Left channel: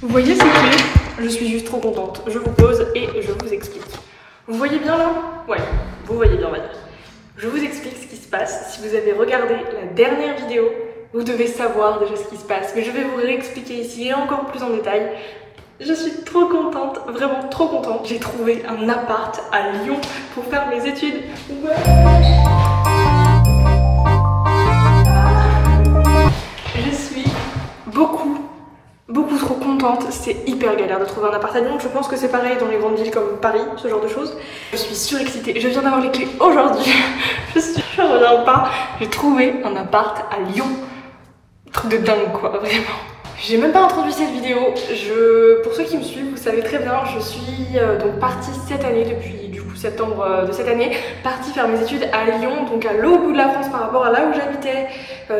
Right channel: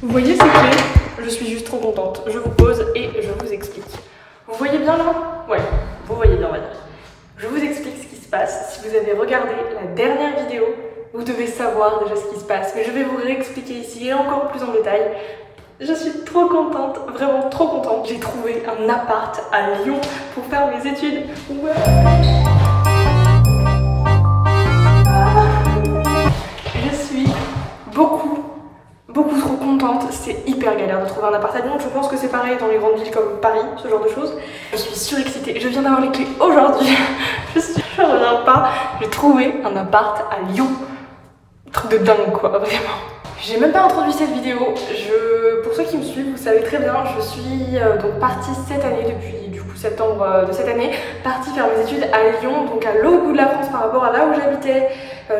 Vous voyez ces clés? Je suis juste trop contente. Je vous pose et je vous explique. Vous voyez bien là? Ouais, vous voyez bien, on va dire. Je vous explique ce qui se passe. Si vous avez regardé la dernière vidéo, vous devez savoir déjà ce qui se passe. Mais je vais vous réexpliquer ici et encore plus en détail. Je suis trop contente, vraiment trop contente. J'ai trouvé un appart à Lyon pour faire mes études. Ouais. Je suis beaucoup trop contente. C'est hyper galère de trouver un appart à Lyon. Je pense que c'est pareil dans les grandes villes comme Paris, ce genre de choses. Je suis surexcitée. Je viens d'avoir les clés aujourd'hui. Je reviens pas. J'ai trouvé un appart à Lyon. Truc de dingue quoi, vraiment. J'ai même pas introduit cette vidéo. Pour ceux qui me suivent, vous savez très bien, je suis donc partie cette année, depuis du coup septembre de cette année, partie faire mes études à Lyon, donc à l'autre bout de la France par rapport à là où j'habitais,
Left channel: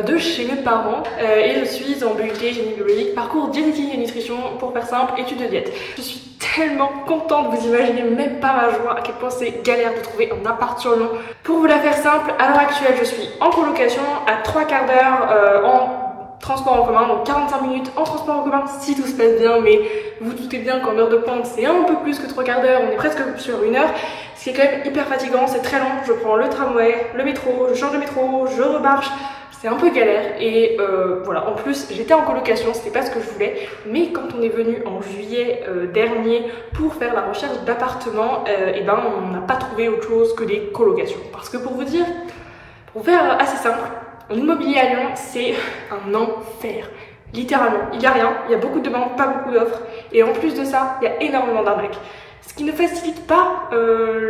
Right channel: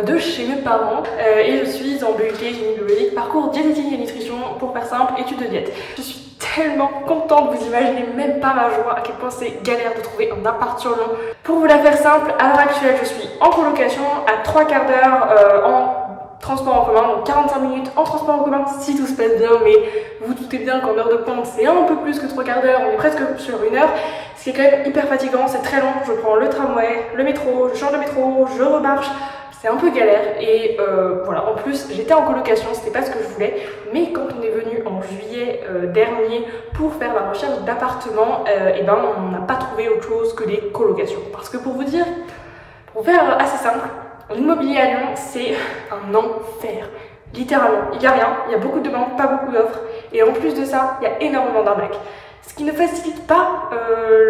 de chez mes parents. Et je suis en BUT génie biologique, parcours diététique et nutrition, pour faire simple, études de diète. Je suis tellement contente, vous imaginez même pas ma joie, à quel point c'est galère de trouver un appart sur Lyon. Pour vous la faire simple, à l'heure actuelle, je suis en colocation à 3/4 d'heure en transport en commun, donc 45 minutes en transport en commun si tout se passe bien, mais vous doutez bien qu'en heure de pointe c'est un peu plus que 3/4 d'heure, on est presque sur 1 heure, ce qui est quand même hyper fatigant, c'est très long. Je prends le tramway, le métro, je change de métro, je remarche, c'est un peu galère et voilà. En plus j'étais en colocation, c'était pas ce que je voulais, mais quand on est venu en juillet dernier pour faire la recherche d'appartements, et ben on n'a pas trouvé autre chose que des colocations, parce que pour vous dire, pour faire assez simple, l'immobilier à Lyon, c'est un enfer. Littéralement, il n'y a rien, il y a beaucoup de demandes, pas beaucoup d'offres. Et en plus de ça, il y a énormément d'arnaques. Ce qui ne facilite pas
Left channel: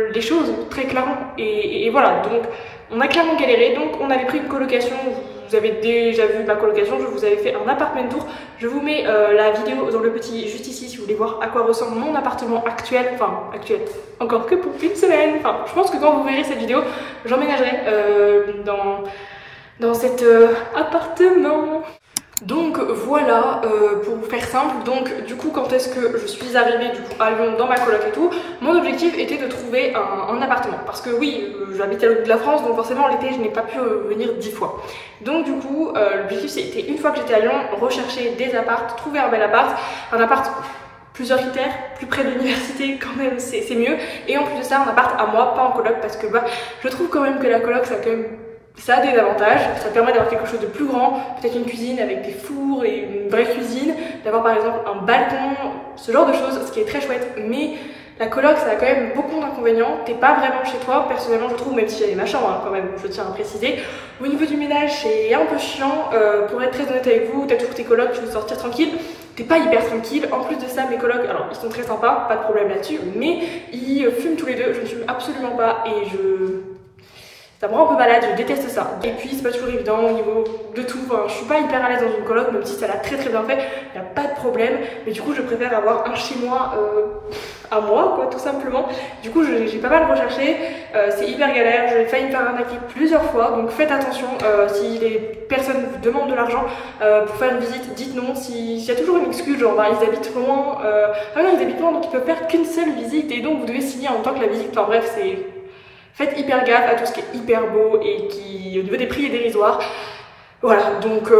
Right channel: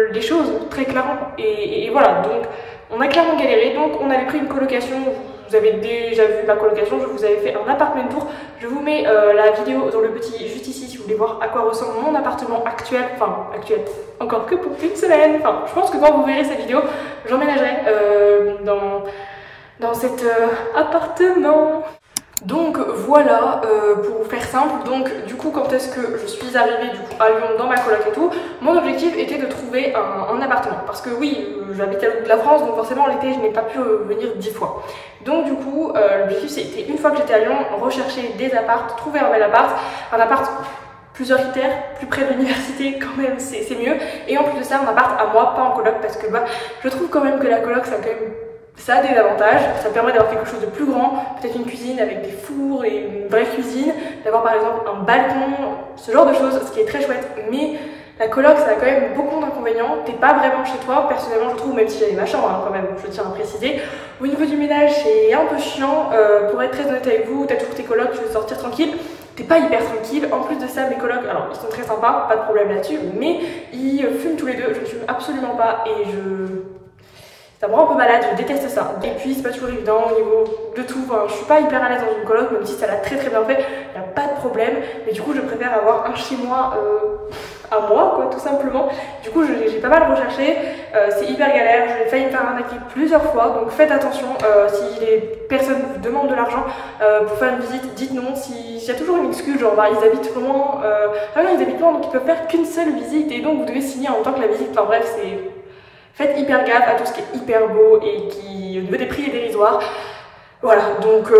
les choses, très clairement. Et voilà, donc on a clairement galéré. Donc on avait pris une colocation. Vous avez déjà vu ma colocation, je vous avais fait un appartement tour. Je vous mets la vidéo dans le petit juste ici si vous voulez voir à quoi ressemble mon appartement actuel. Enfin, actuel, encore que pour une semaine. Enfin, je pense que quand vous verrez cette vidéo, j'emménagerai dans cet appartement. Donc voilà, pour vous faire simple, donc du coup quand est-ce que je suis arrivée du coup à Lyon dans ma coloc et tout, mon objectif était de trouver un appartement, parce que oui, j'habite à l'autre bout de la France, donc forcément l'été je n'ai pas pu venir 10 fois. Donc du coup l'objectif c'était, une fois que j'étais à Lyon, rechercher des apparts, trouver un bel appart, plusieurs critères, plus près de l'université quand même c'est mieux, et en plus de ça un appart à moi, pas en coloc, parce que bah je trouve quand même que la coloc ça a des avantages, ça permet d'avoir quelque chose de plus grand, peut-être une cuisine avec des fours et une vraie cuisine, d'avoir par exemple un balcon, ce genre de choses, ce qui est très chouette. Mais la coloc, ça a quand même beaucoup d'inconvénients, t'es pas vraiment chez toi, personnellement je trouve, même si j'avais ma chambre hein, quand même, je tiens à préciser. Au niveau du ménage, c'est un peu chiant, pour être très honnête avec vous, t'as toujours tes colocs, tu veux sortir tranquille, t'es pas hyper tranquille. En plus de ça, mes colocs, alors ils sont très sympas, pas de problème là-dessus, mais ils fument tous les deux, je ne fume absolument pas et ça me rend un peu malade, je déteste ça. Et puis c'est pas toujours évident au niveau de tout, enfin, je suis pas hyper à l'aise dans une coloc, même si ça l'a très bien fait, il n'y a pas de problème. Mais du coup je préfère avoir un chez moi à moi quoi, tout simplement. Du coup j'ai pas mal recherché, c'est hyper galère, j'ai failli me faire arnaquer plusieurs fois. Donc faites attention, si les personnes vous demandent de l'argent pour faire une visite, dites non. S'il y a toujours une excuse, genre bah, ils habitent loin, ah non ils habitent loin donc ils peuvent faire qu'une seule visite et donc vous devez signer en même temps que la visite, enfin bref c'est... Faites hyper gaffe à tout ce qui est hyper beau et qui, au niveau des prix, est dérisoire. Voilà, donc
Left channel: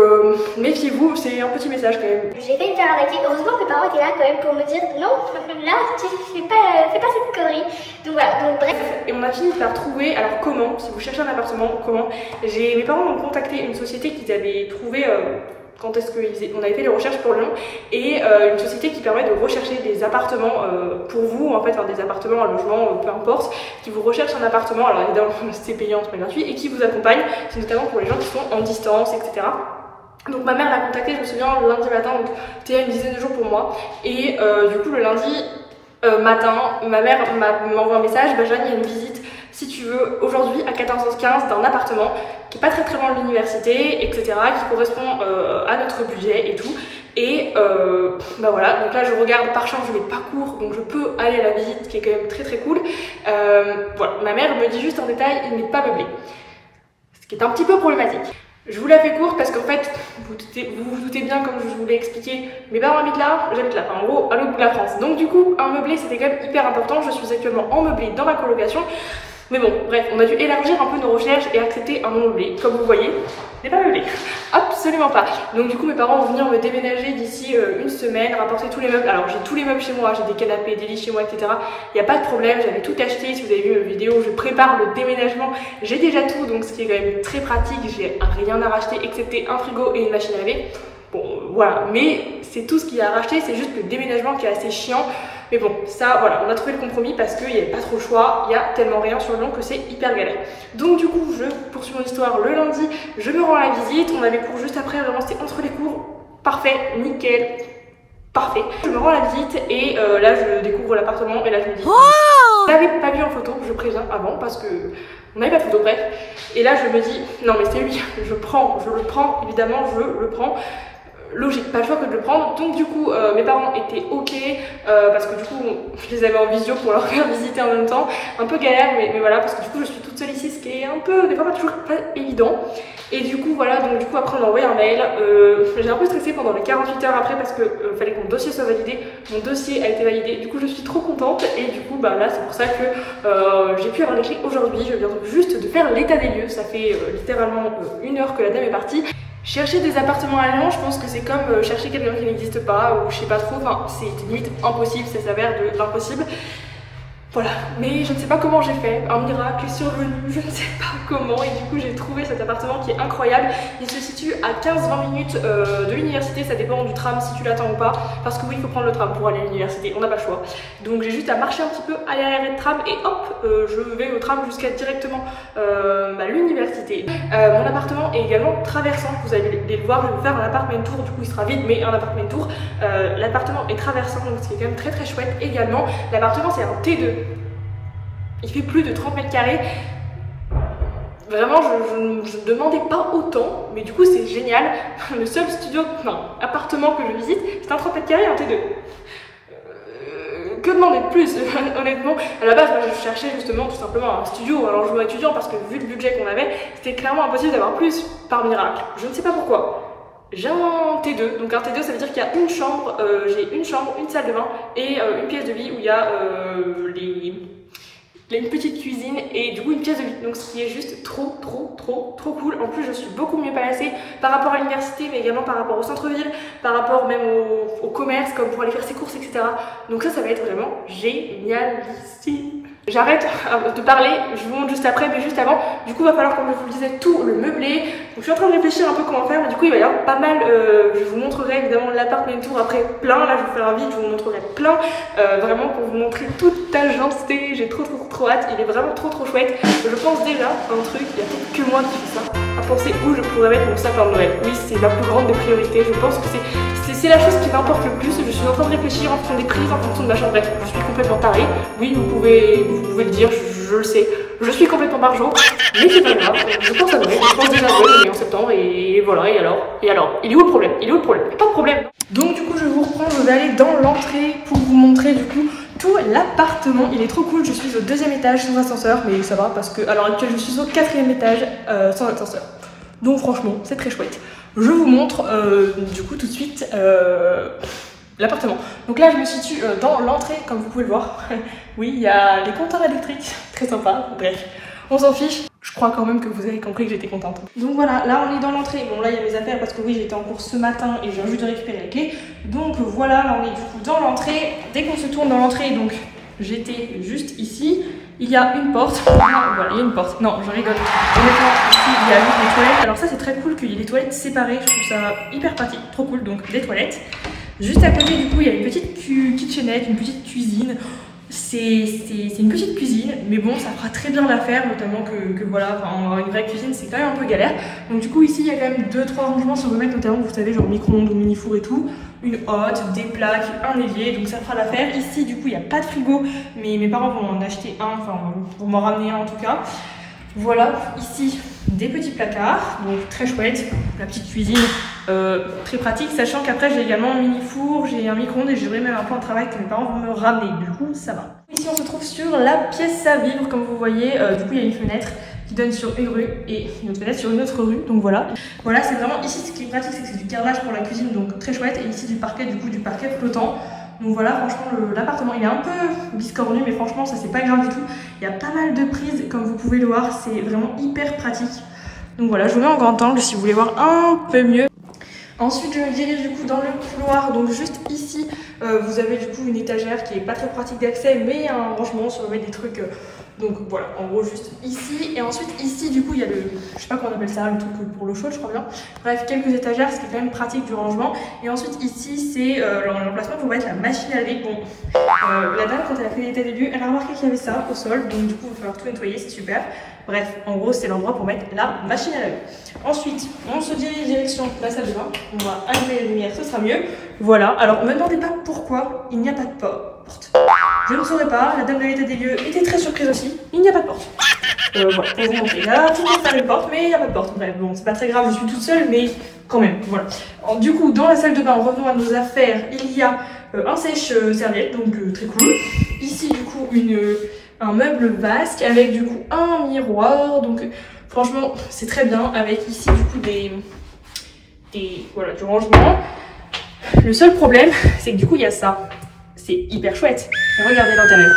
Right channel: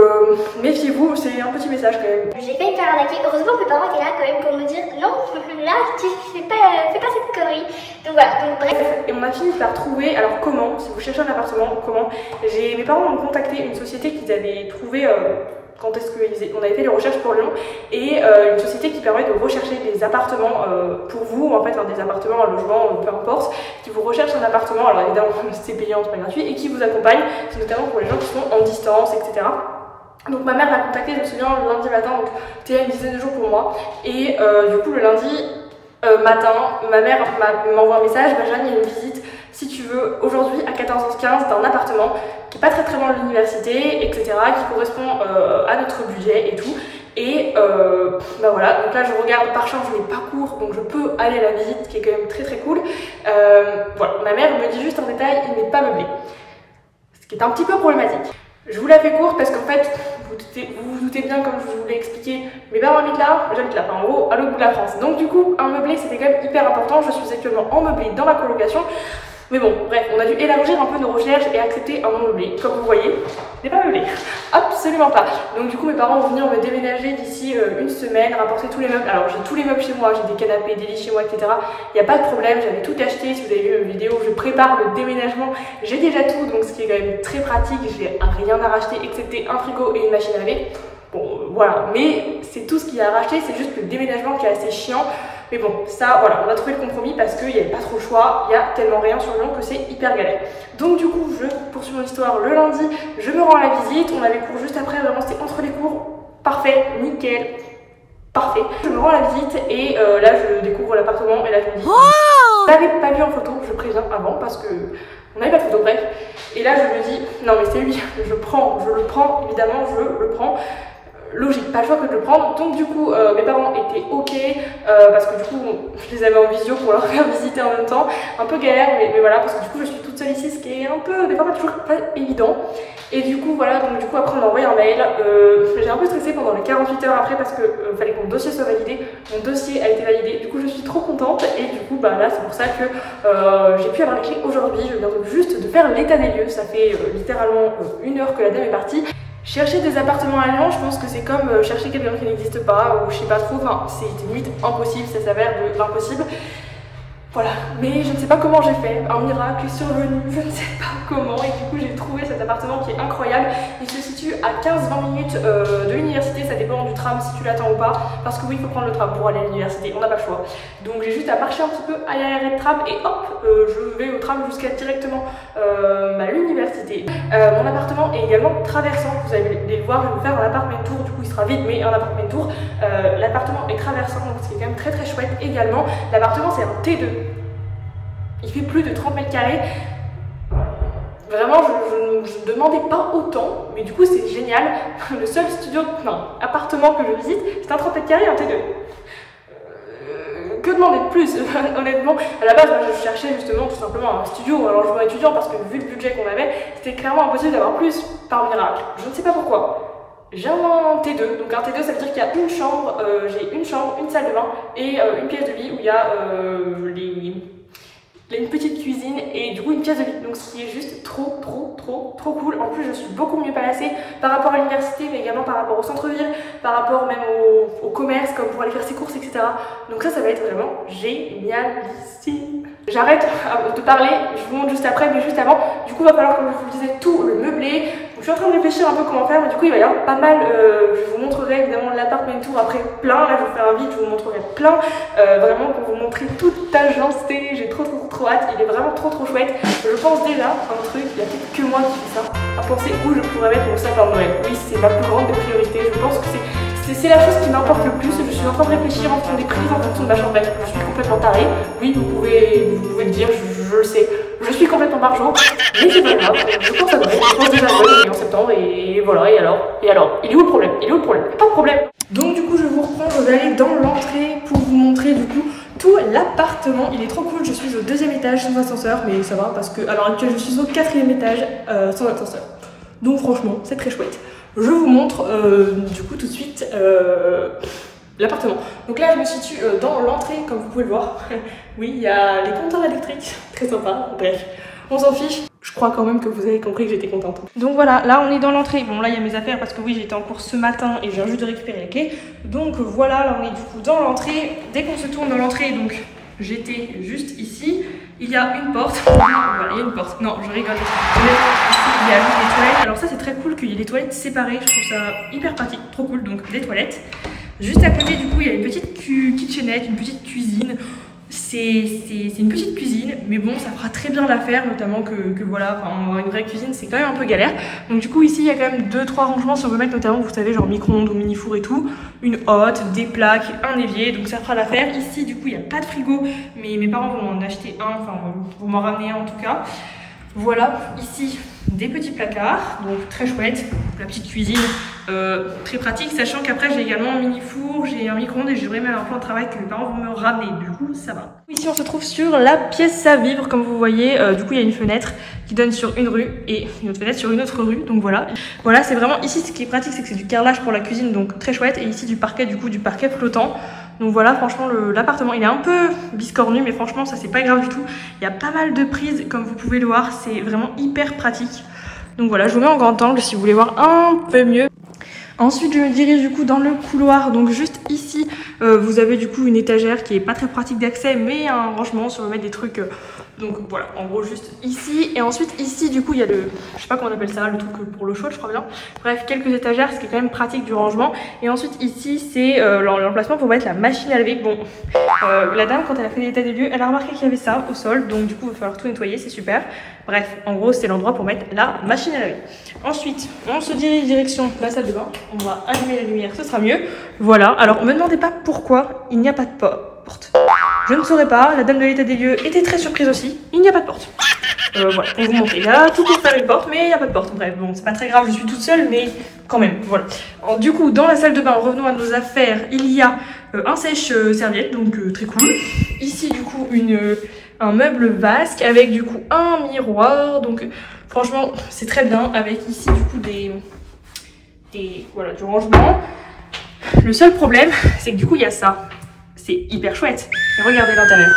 méfiez-vous, c'est un petit message quand même. J'ai failli me faire arnaquer. Heureusement que mes parents étaient là quand même pour me dire non, là tu fais pas cette connerie. Donc voilà, donc bref. Et on a fini par trouver, alors comment, si vous cherchez un appartement, comment, mes parents ont contacté une société qu'ils avaient trouvée quand est-ce qu'on avait fait les recherches pour Lyon, et une société qui permet de rechercher des appartements pour vous, en fait, hein, des appartements, un logement, peu importe, qui vous recherche un appartement, alors évidemment c'est payant, c'est pas gratuit, et qui vous accompagne, c'est notamment pour les gens qui sont en distance, etc. Donc ma mère l'a contacté, je me souviens, le lundi matin, donc c'était une dizaine de jours pour moi, et du coup le lundi matin, ma mère m'envoie un message, bah Jeanne, il y a une visite, si tu veux, aujourd'hui à 14h15 d'un appartement qui est pas très loin de l'université, etc., qui correspond à notre budget et tout. Et bah voilà, donc là je regarde, par chance je n'ai pas cours, donc je peux aller à la visite, qui est quand même très cool. Voilà, ma mère me dit juste en détail, il n'est pas meublé, ce qui est un petit peu problématique. Je vous la fais courte parce qu'en fait, vous vous doutez bien, comme je vous l'ai expliqué, mes parents habitent là, j'habite là, enfin en gros à l'autre bout de la France. Donc du coup, un meublé c'était quand même hyper important. Je suis actuellement en meublé dans ma colocation. Mais bon, bref, on a dû élargir un peu nos recherches et accepter un non meublé. Comme vous voyez, n'est pas meublé. Absolument pas. Donc du coup, mes parents vont venir me déménager d'ici une semaine, rapporter tous les meubles. Alors j'ai tous les meubles chez moi, j'ai des canapés, des lits chez moi, etc. Il n'y a pas de problème, j'avais tout acheté. Si vous avez vu mes vidéos, je prépare le déménagement. J'ai déjà tout, donc ce qui est quand même très pratique. J'ai rien à racheter excepté un frigo et une machine à laver. Bon, voilà. Mais c'est tout ce qu'il y a à racheter, c'est juste le déménagement qui est assez chiant. Mais bon, ça, voilà, on a trouvé le compromis parce qu'il n'y avait pas trop le choix. Il y a tellement rien sur Lyon que c'est hyper galère. Donc du coup, je poursuis mon histoire le lundi. Je me rends à la visite. On avait cours juste après, vraiment c'était entre les cours. Parfait, nickel, parfait. Je me rends à la visite et là je découvre l'appartement et là je me dis... Je l'avais pas vu en photo, je préviens avant parce que on n'avait pas de photo, bref. Et là je me dis, non mais c'est lui, je le prends, évidemment je le prends. Logique, pas le choix que de le prendre. Donc du coup mes parents étaient ok parce que du coup je les avais en visio pour leur faire visiter en même temps. Un peu galère mais voilà, parce que du coup je suis toute seule ici, ce qui est un peu des fois pas toujours pas évident. Et du coup voilà, donc du coup après on a envoyé un mail. J'ai un peu stressé pendant les 48 heures après parce que fallait que mon dossier soit validé. Mon dossier a été validé, du coup je suis trop contente. Et du coup bah là c'est pour ça que j'ai pu avoir les clés aujourd'hui. Je viens juste de faire l'état des lieux. Ça fait littéralement 1 heure que la dame est partie. Chercher des appartements à Lyon, je pense que c'est comme chercher quelqu'un qui n'existe pas, ou je sais pas trop, enfin c'est limite impossible, ça s'avère de l'impossible. Voilà, mais je ne sais pas comment j'ai fait, un miracle est survenu, je ne sais pas comment, et du coup j'ai trouvé cet appartement qui est incroyable. Il se situe à 15-20 minutes de l'université, ça dépend du tram si tu l'attends ou pas, parce que oui il faut prendre le tram pour aller à l'université, on n'a pas le choix. Donc j'ai juste à marcher un petit peu, aller à l'arrêt de tram et hop, je vais au tram jusqu'à directement l'université. Mon appartement est également traversant, vous allez le voir, je vais vous faire un appartement tour, du coup il sera vide mais un appartement tour. L'appartement est traversant, donc c'est quand même très chouette également. L'appartement c'est un T2. Il fait plus de 30 mètres carrés. Vraiment, je ne demandais pas autant, mais du coup, c'est génial. Le seul appartement que je visite, c'est un 30 mètres carrés, un T2. Que demander de plus, honnêtement. À la base, moi, je cherchais justement tout simplement un studio ou un logement étudiant parce que vu le budget qu'on avait, c'était clairement impossible d'avoir plus par miracle. Je ne sais pas pourquoi. J'ai un T2, donc un T2 ça veut dire qu'il y a une chambre, j'ai une chambre, une salle de bain et une pièce de vie où il y a une petite cuisine et du coup une pièce de lit, donc ce qui est juste trop cool. En plus je suis beaucoup mieux placée par rapport à l'université mais également par rapport au centre-ville, par rapport même au commerce comme pour aller faire ses courses, etc. Donc ça va être vraiment génialissime. J'arrête de parler, je vous montre juste après, mais juste avant, du coup il va falloir, comme je vous le disais, tout le meubler. Donc je suis en train de réfléchir un peu comment faire, mais du coup il va y avoir pas mal, je vous montrerai évidemment l'appart mes tours après plein, là je vais vous faire un vide, je vous montrerai plein, vraiment pour vous montrer toute agencée, j'ai trop hâte, il est vraiment trop chouette. Je pense déjà à un truc, il y a peut-être que moi qui fais ça, à penser où je pourrais mettre mon sapin de Noël. Oui, c'est ma plus grande des priorités, je pense que c'est la chose qui m'importe le plus. Je suis en train de réfléchir en fonction des prises, en fonction de ma chambre. Bref, je suis complètement tarée. Oui, vous pouvez le dire, je le sais. Je suis complètement barjot, mais c'est pas grave. Je pense à Noël, je pense déjà à Noël en septembre et voilà, et alors, il est où le problème? Il est où le problème? Pas de problème. Donc du coup, je vous reprends, je vais aller dans l'entrée pour vous montrer du coup tout l'appartement. Il est trop cool, je suis au 2e étage sans ascenseur, mais ça va parce que à l'heure actuelle je suis au 4e étage sans ascenseur. Donc franchement, c'est très chouette. Je vous montre du coup tout de suite l'appartement. Donc là je me situe dans l'entrée comme vous pouvez le voir. Oui, il y a les compteurs électriques, très sympa, bref, on s'en fiche. Je crois quand même que vous avez compris que j'étais contente. Donc voilà, là on est dans l'entrée. Bon là il y a mes affaires parce que oui j'étais en cours ce matin et je viens juste de récupérer les clés. Donc voilà, là on est du coup dans l'entrée. Dès qu'on se tourne dans l'entrée, donc j'étais juste ici, il y a une porte. Voilà, il y a une porte. Non, je rigole. Honnêtement, ici il y a juste des toilettes. Alors ça c'est très cool qu'il y ait des toilettes séparées. Je trouve ça hyper pratique, trop cool. Donc des toilettes. Juste à côté du coup il y a une petite kitchenette, une petite cuisine. C'est une petite cuisine, mais bon, ça fera très bien l'affaire, notamment que voilà, enfin, une vraie cuisine, c'est quand même un peu galère. Donc du coup, ici, il y a quand même 2-3 rangements si on veut mettre notamment, vous savez, genre micro-ondes ou mini-four et tout. Une hotte, des plaques, un évier, donc ça fera l'affaire. Ici, du coup, il n'y a pas de frigo, mais mes parents vont en acheter un, enfin, vont m'en ramener un en tout cas. Voilà, ici, des petits placards, donc très chouette. La petite cuisine, très pratique, sachant qu'après j'ai également un mini four, j'ai un micro-ondes et j'aurai même un plan de travail que mes parents vont me ramener, du coup ça va. Ici on se trouve sur la pièce à vivre, comme vous voyez, du coup il y a une fenêtre qui donne sur une rue et une autre fenêtre sur une autre rue. Donc voilà. Voilà, c'est vraiment ici ce qui est pratique, c'est que c'est du carrelage pour la cuisine, donc très chouette. Et ici du parquet, du coup du parquet flottant. Donc voilà, franchement l'appartement il est un peu biscornu, mais franchement ça c'est pas grave du tout. Il y a pas mal de prises comme vous pouvez le voir, c'est vraiment hyper pratique. Donc voilà, je vous mets en grand angle si vous voulez voir un peu mieux. Ensuite je me dirige du coup dans le couloir, donc juste ici vous avez du coup une étagère qui est pas très pratique d'accès, mais un rangement si on veut mettre des trucs, donc voilà, en gros juste ici. Et ensuite ici du coup il y a le, je sais pas comment on appelle ça, le truc pour le chaud je crois bien. Bref, quelques étagères, ce qui est quand même pratique du rangement. Et ensuite ici c'est l'emplacement pour mettre la machine à laver. Bon, la dame quand elle a fait l'état des lieux, elle a remarqué qu'il y avait ça au sol, donc du coup il va falloir tout nettoyer, c'est super. Bref, en gros c'est l'endroit pour mettre la machine à laver. Ensuite on se dirige direction la salle de bain, on va allumer la lumière, ce sera mieux. Voilà, alors me demandez pas pourquoi il n'y a pas de porte. Je ne saurais pas, la dame de l'état des lieux était très surprise aussi, il n'y a pas de porte. Voilà, on vous montre là, tout pour faire une porte, mais il n'y a pas de porte. Bref, bon, c'est pas très grave, je suis toute seule, mais quand même, voilà. Alors, du coup, dans la salle de bain, revenons à nos affaires, il y a un sèche-serviette, donc très cool. Ici, du coup, un meuble vasque avec du coup un miroir, donc franchement, c'est très bien, avec ici, du coup, voilà, du rangement. Le seul problème, c'est que du coup, il y a ça. C'est hyper chouette. Et regardez l'intérieur.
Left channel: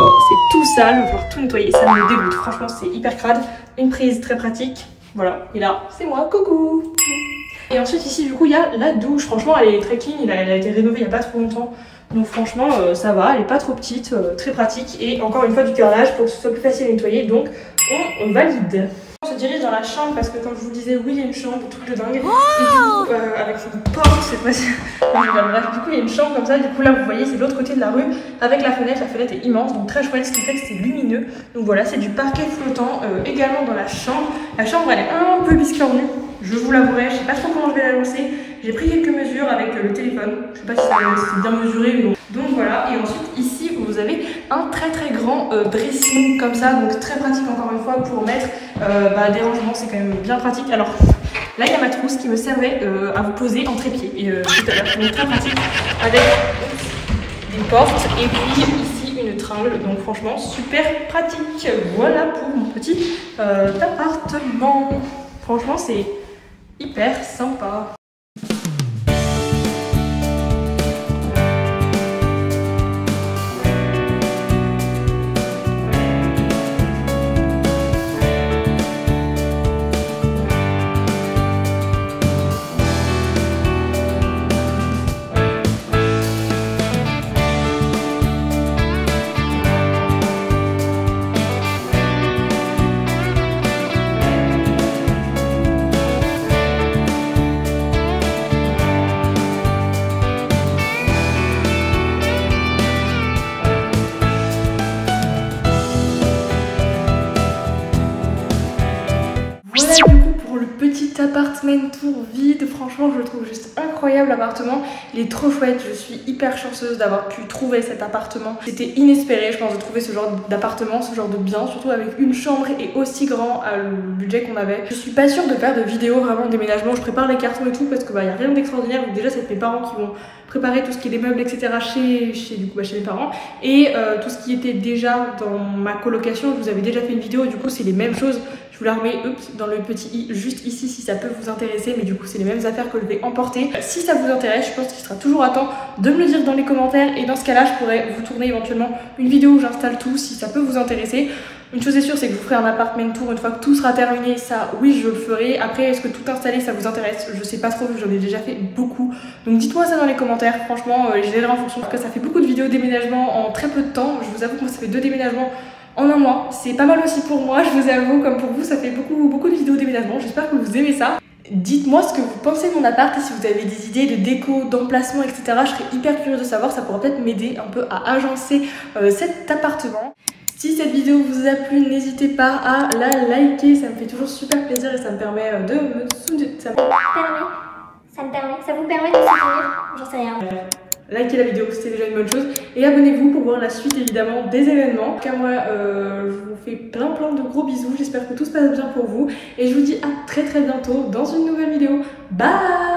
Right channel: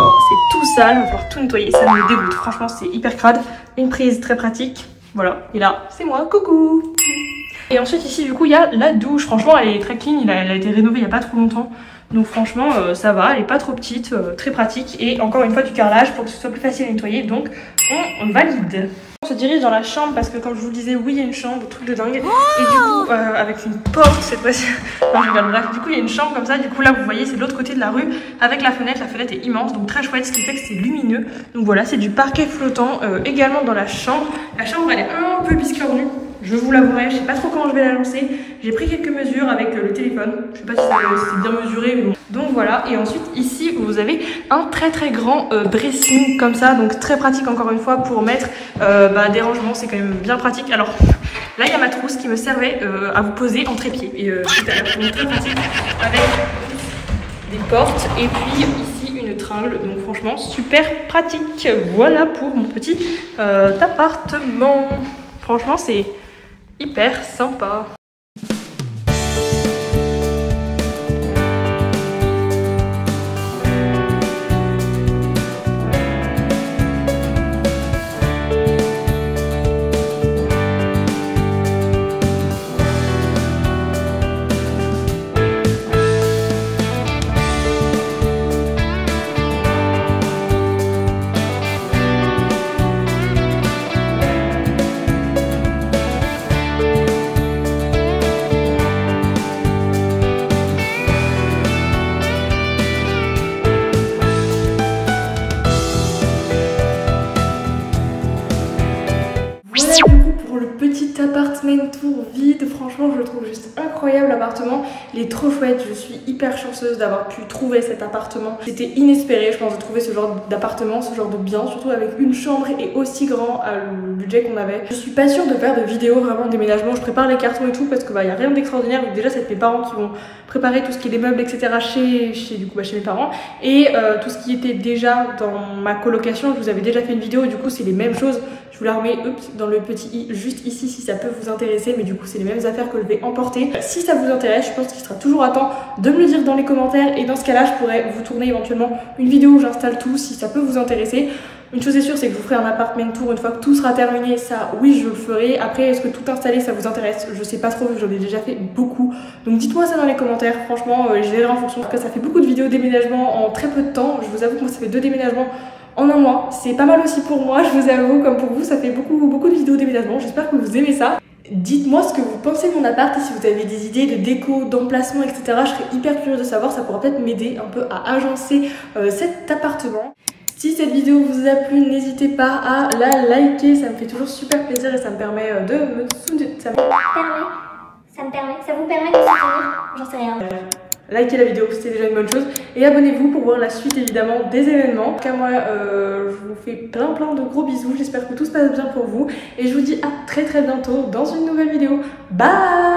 Oh, c'est tout sale, on va pouvoir tout nettoyer, ça me dégoûte, franchement c'est hyper crade. Une prise très pratique, voilà, et là c'est moi, coucou. Et ensuite ici du coup il y a la douche, franchement elle est très clean, elle a été rénovée il n'y a pas trop longtemps. Donc franchement ça va, elle est pas trop petite, très pratique. Et encore une fois du carrelage pour que ce soit plus facile à nettoyer, donc on valide. On se dirige dans la chambre parce que comme je vous le disais, oui il y a une chambre, truc de dingue. Et du coup avec une porte cette fois-ci. Bref, du coup il y a une chambre comme ça, du coup là vous voyez c'est de l'autre côté de la rue avec la fenêtre est immense, donc très chouette, ce qui fait que c'est lumineux. Donc voilà, c'est du parquet flottant également dans la chambre. La chambre elle est un peu biscornue, je vous l'avouerai, je sais pas trop comment je vais la lancer. J'ai pris quelques mesures avec le téléphone, je sais pas si c'est bien mesuré mais bon. Donc voilà, et ensuite ici vous avez un très grand dressing comme ça, donc très pratique encore une fois pour mettre des rangements, c'est quand même bien pratique. Alors là il y a ma trousse qui me servait à vous poser en trépied, et tout à l'heure, donc très pratique avec des portes et puis ici une tringle, donc franchement super pratique. Voilà pour mon petit appartement, franchement c'est hyper sympa. Voilà du coup pour le petit appartement tour vide, franchement je le trouve juste incroyable l'appartement, il est trop chouette, je suis hyper chanceuse d'avoir pu trouver cet appartement. C'était inespéré je pense de trouver ce genre d'appartement, ce genre de bien, surtout avec une chambre et aussi grand le budget qu'on avait. Je suis pas sûre de faire de vidéos vraiment de déménagement, je prépare les cartons et tout parce que y a rien d'extraordinaire, donc déjà c'est mes parents qui vont préparer tout ce qui est des meubles etc chez mes parents, et tout ce qui était déjà dans ma colocation, je vous avais déjà fait une vidéo, du coup c'est les mêmes choses. Je vous la remets dans le petit i juste ici si ça peut vous intéresser, mais du coup c'est les mêmes affaires que je vais emporter. Si ça vous intéresse, je pense qu'il sera toujours à temps de me le dire dans les commentaires, et dans ce cas là je pourrais vous tourner éventuellement une vidéo où j'installe tout si ça peut vous intéresser. Une chose est sûre, c'est que je vous ferai un appartement tour une fois que tout sera terminé, ça oui je le ferai. Après est-ce que tout installer ça vous intéresse? Je sais pas trop, j'en ai déjà fait beaucoup. Donc dites-moi ça dans les commentaires, franchement je verrai en fonction. En tout cas ça fait beaucoup de vidéos déménagement en très peu de temps, je vous avoue que moi ça fait 2 déménagements en un mois, c'est pas mal aussi pour moi, je vous avoue, comme pour vous, ça fait beaucoup de vidéos déménagement, j'espère que vous aimez ça. Dites-moi ce que vous pensez de mon appart et si vous avez des idées de déco, d'emplacement, etc. Je serais hyper curieuse de savoir, ça pourra peut-être m'aider un peu à agencer cet appartement. Si cette vidéo vous a plu, n'hésitez pas à la liker, ça me fait toujours super plaisir et ça me permet de me soutenir. Ça vous permet de soutenir, j'en sais rien. Likez la vidéo, c'était déjà une bonne chose. Et abonnez-vous pour voir la suite évidemment des événements. En tout cas moi je vous fais plein de gros bisous. J'espère que tout se passe bien pour vous. Et je vous dis à très bientôt dans une nouvelle vidéo. Bye!